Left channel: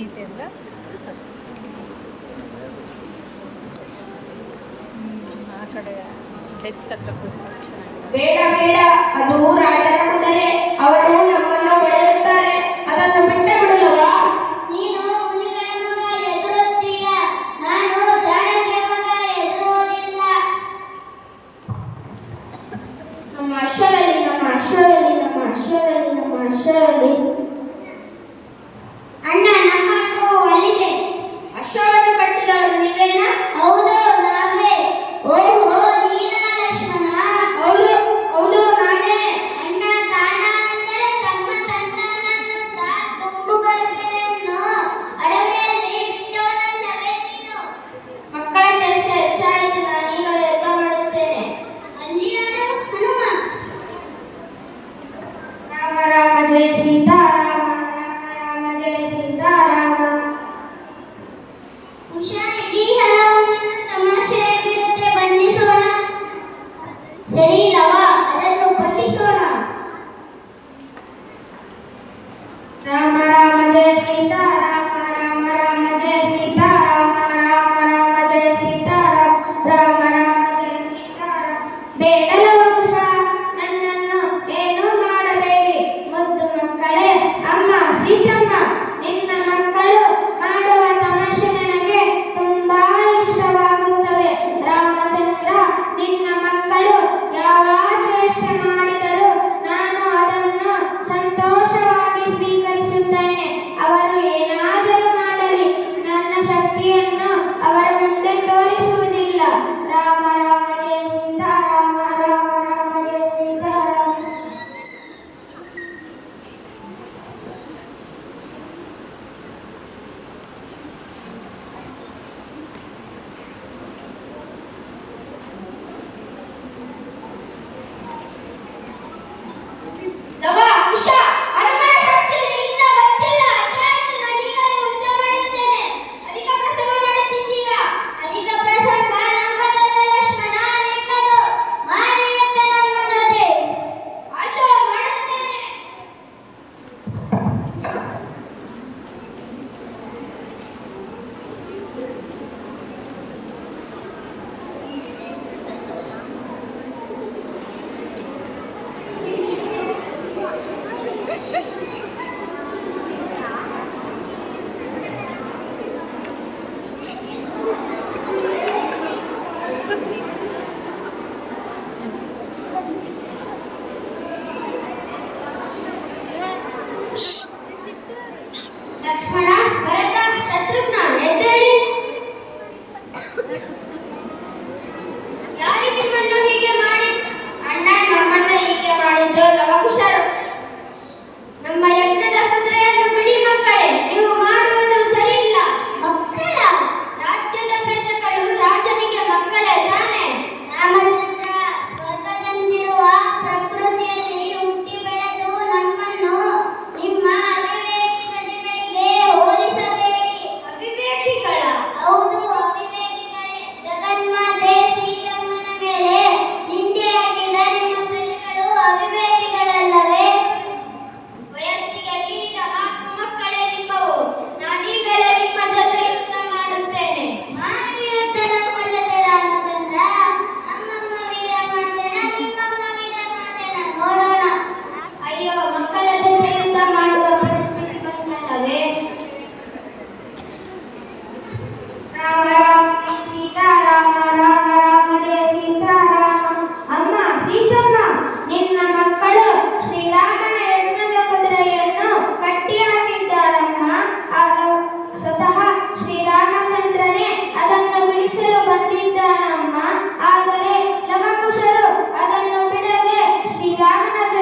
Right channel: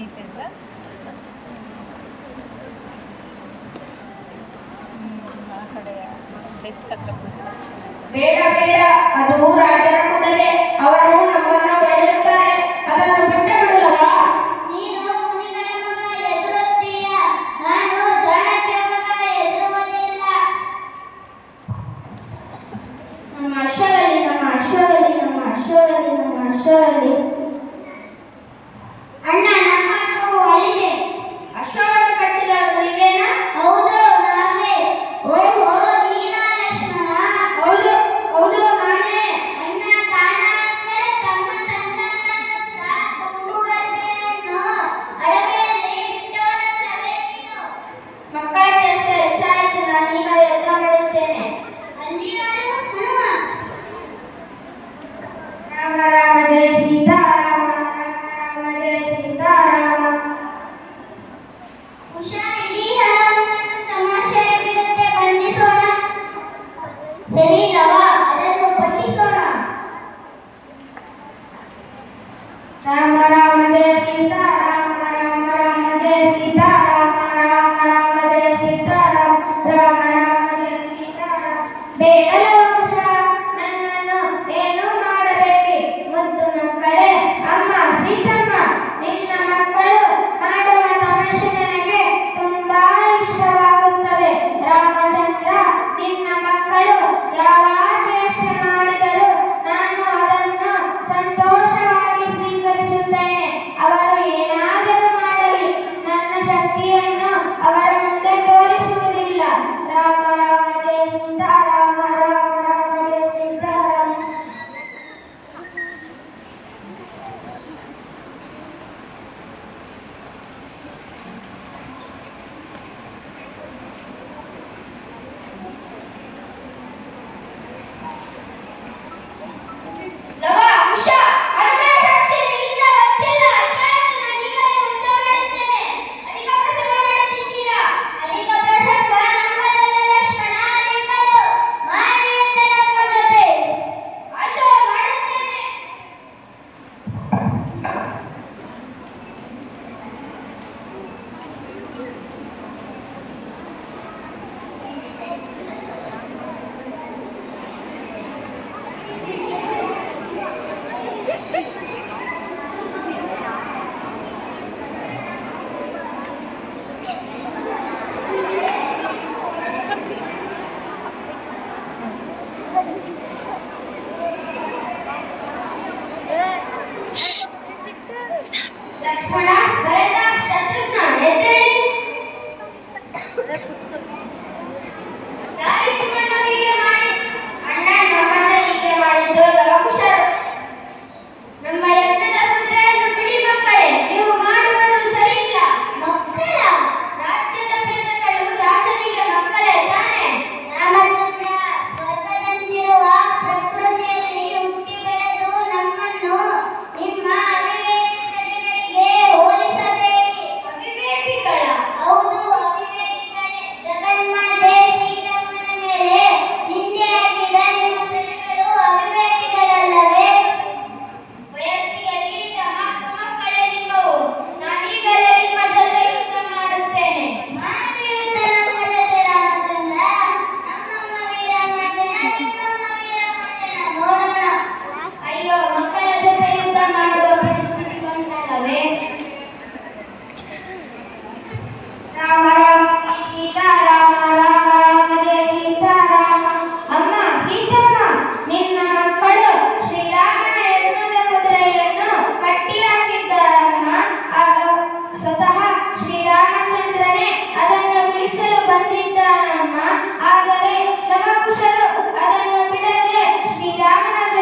ಸೀತೆ ಅಂದ್ರೆ ಆ ಕಡೆ ಡೆಸ್ಕ್ ಹತ್ರ ಕೂತ್ಕೊಂಡು ಬೇಡ ಬೇಡ, ಅದು ರಾಜರ ಕುದುರೆ. ಅವರು ನಮ್ಮನ್ನು ಬೆಳೆಯುತ್ತಾರೆ, ಅದನ್ನು ಬಿಟ್ಟೇ ಬಿಡಲವಾ? ನೀನು ಮುನಿಗಳ ಮಗ ಎದುರುತ್ತೀಯ, ನಾನು ಜಾಣಕ್ಯ ಮಗ ಎದುರುವುದಿಲ್ಲ. ನಮ್ಮ ಅಶ್ವರಲ್ಲಿ, ನಮ್ಮ ಅಶ್ವರಲ್ಲಿ, ನಮ್ಮ ಅಶ್ವರಲ್ಲಿ, ನಮ್ಮ ಅಶ್ವರಲ್ಲಿ. ಅಣ್ಣ, ನಮ್ಮ ಅಶ್ವವು ಅಲ್ಲಿದೆ. ಅಶ್ವವನ್ನು ಕಟ್ಟಿದವರು ನೀವೇನಾ? ಹೌದು, ನಾವೇ. ಓಹೋ, ನೀನಾ ಲಕ್ಷ್ಮಣ? ಹೌದು ಹೌದು, ನಾನೇ. ಅಣ್ಣ, ತಾನ ಅಂದರೆ ತಮ್ಮ ತಂದನನ್ನು ತುಂಬುಗರ್ಭೆಯನ್ನು ಅಡವಿಯಲ್ಲಿ ಬಿಟ್ಟವನಲ್ಲವೇ ನೀನು? ಮಕ್ಕಳ ಚೇಷ್ಟೆ ಹೆಚ್ಚಾಯಿತು, ನಾನೀಗ ಯುದ್ಧ ಮಾಡುತ್ತೇನೆ. ಅಲ್ಲಿ ಯಾರು? ಹನುಮ. ರಾಮ ರಾಮ ಜಯ ಸೀತಾರಾಮ, ರಾಮ ರಾಮ ಜಯ ಸೀತಾರಾಮ. ಉಷಾ, ಇಡೀ ಹಣವನ್ನು ತಮಾಷೆಯಾಗಿರುತ್ತೆ, ಬಂಧಿಸೋಣ. ಸರಿ ರವ, ಅದನ್ನು ಬಂಧಿಸೋಣ. ರಾಮ ರಾಮ ಜಯ ಸೀತಾರಾಮ, ರಾಮ ರಾಮ ಜಯ ಸೀತಾರಾಮ, ರಾಮ ರಾಮ ಜಯ ಸೀತಾರಾಮ, ರಾಮ ರಾಮ ಜಯ ಸೀತಾರಾಮ. ಬೇಡಲವ ಕುಶ, ನನ್ನನ್ನು ಏನೂ ಮಾಡಬೇಡಿ. ಮುದ್ದು ಮಕ್ಕಳೇ, ಅಮ್ಮ ಸೀತಮ್ಮ, ನಿನ್ನ ಮಕ್ಕಳು ಮಾಡುವ ತಮಾಷೆ ನನಗೆ ತುಂಬಾ ಇಷ್ಟವಾಗುತ್ತದೆ. ರಾಮಚಂದ್ರ, ನಿನ್ನ ಮಕ್ಕಳು ಯಾವ ಚೇಷ್ಟೆ ಮಾಡಿದರೂ ನಾನು ಅದನ್ನು ಸಂತೋಷವಾಗಿ ಸ್ವೀಕರಿಸುತ್ತೇನೆ. ಅವರು ಏನಾದರೂ ಮಾಡಲಿ, ನನ್ನ ಶಕ್ತಿಯನ್ನು ಅವರ ಮುಂದೆ ತೋರಿಸುವುದಿಲ್ಲ. ರಾಮ ರಾಮ ಜಯ ಸೀತಾರಾಮ, ರಾಮ ರಾಮ ಜಯ ಸೀತಾರಾಮ. ರವ, ಉಷಾ, ಹನುಮನ ಶಕ್ತಿ ನಿಮಗಿನ್ನೂ ಗೊತ್ತಿಲ್ಲ. ಯಾಕೆ ನಾನೀಗಲೇ ಯುದ್ಧ ಮಾಡುತ್ತೇನೆ. ಅಧಿಕ ಪ್ರಸಂಗ ಮಾಡುತ್ತಿದ್ದೀರಾ? ಅಧಿಕ ಪ್ರಸಂಗ ನಮ್ಮದಲ್ಲ ಲಕ್ಷ್ಮಣ, ನಿಮ್ಮದು. ಮಾನವೀಯತ ನಮ್ಮದತೆ. ಆಯ್ತು, ಮಾಡುತ್ತೇನೆ. ಶ್ಶ್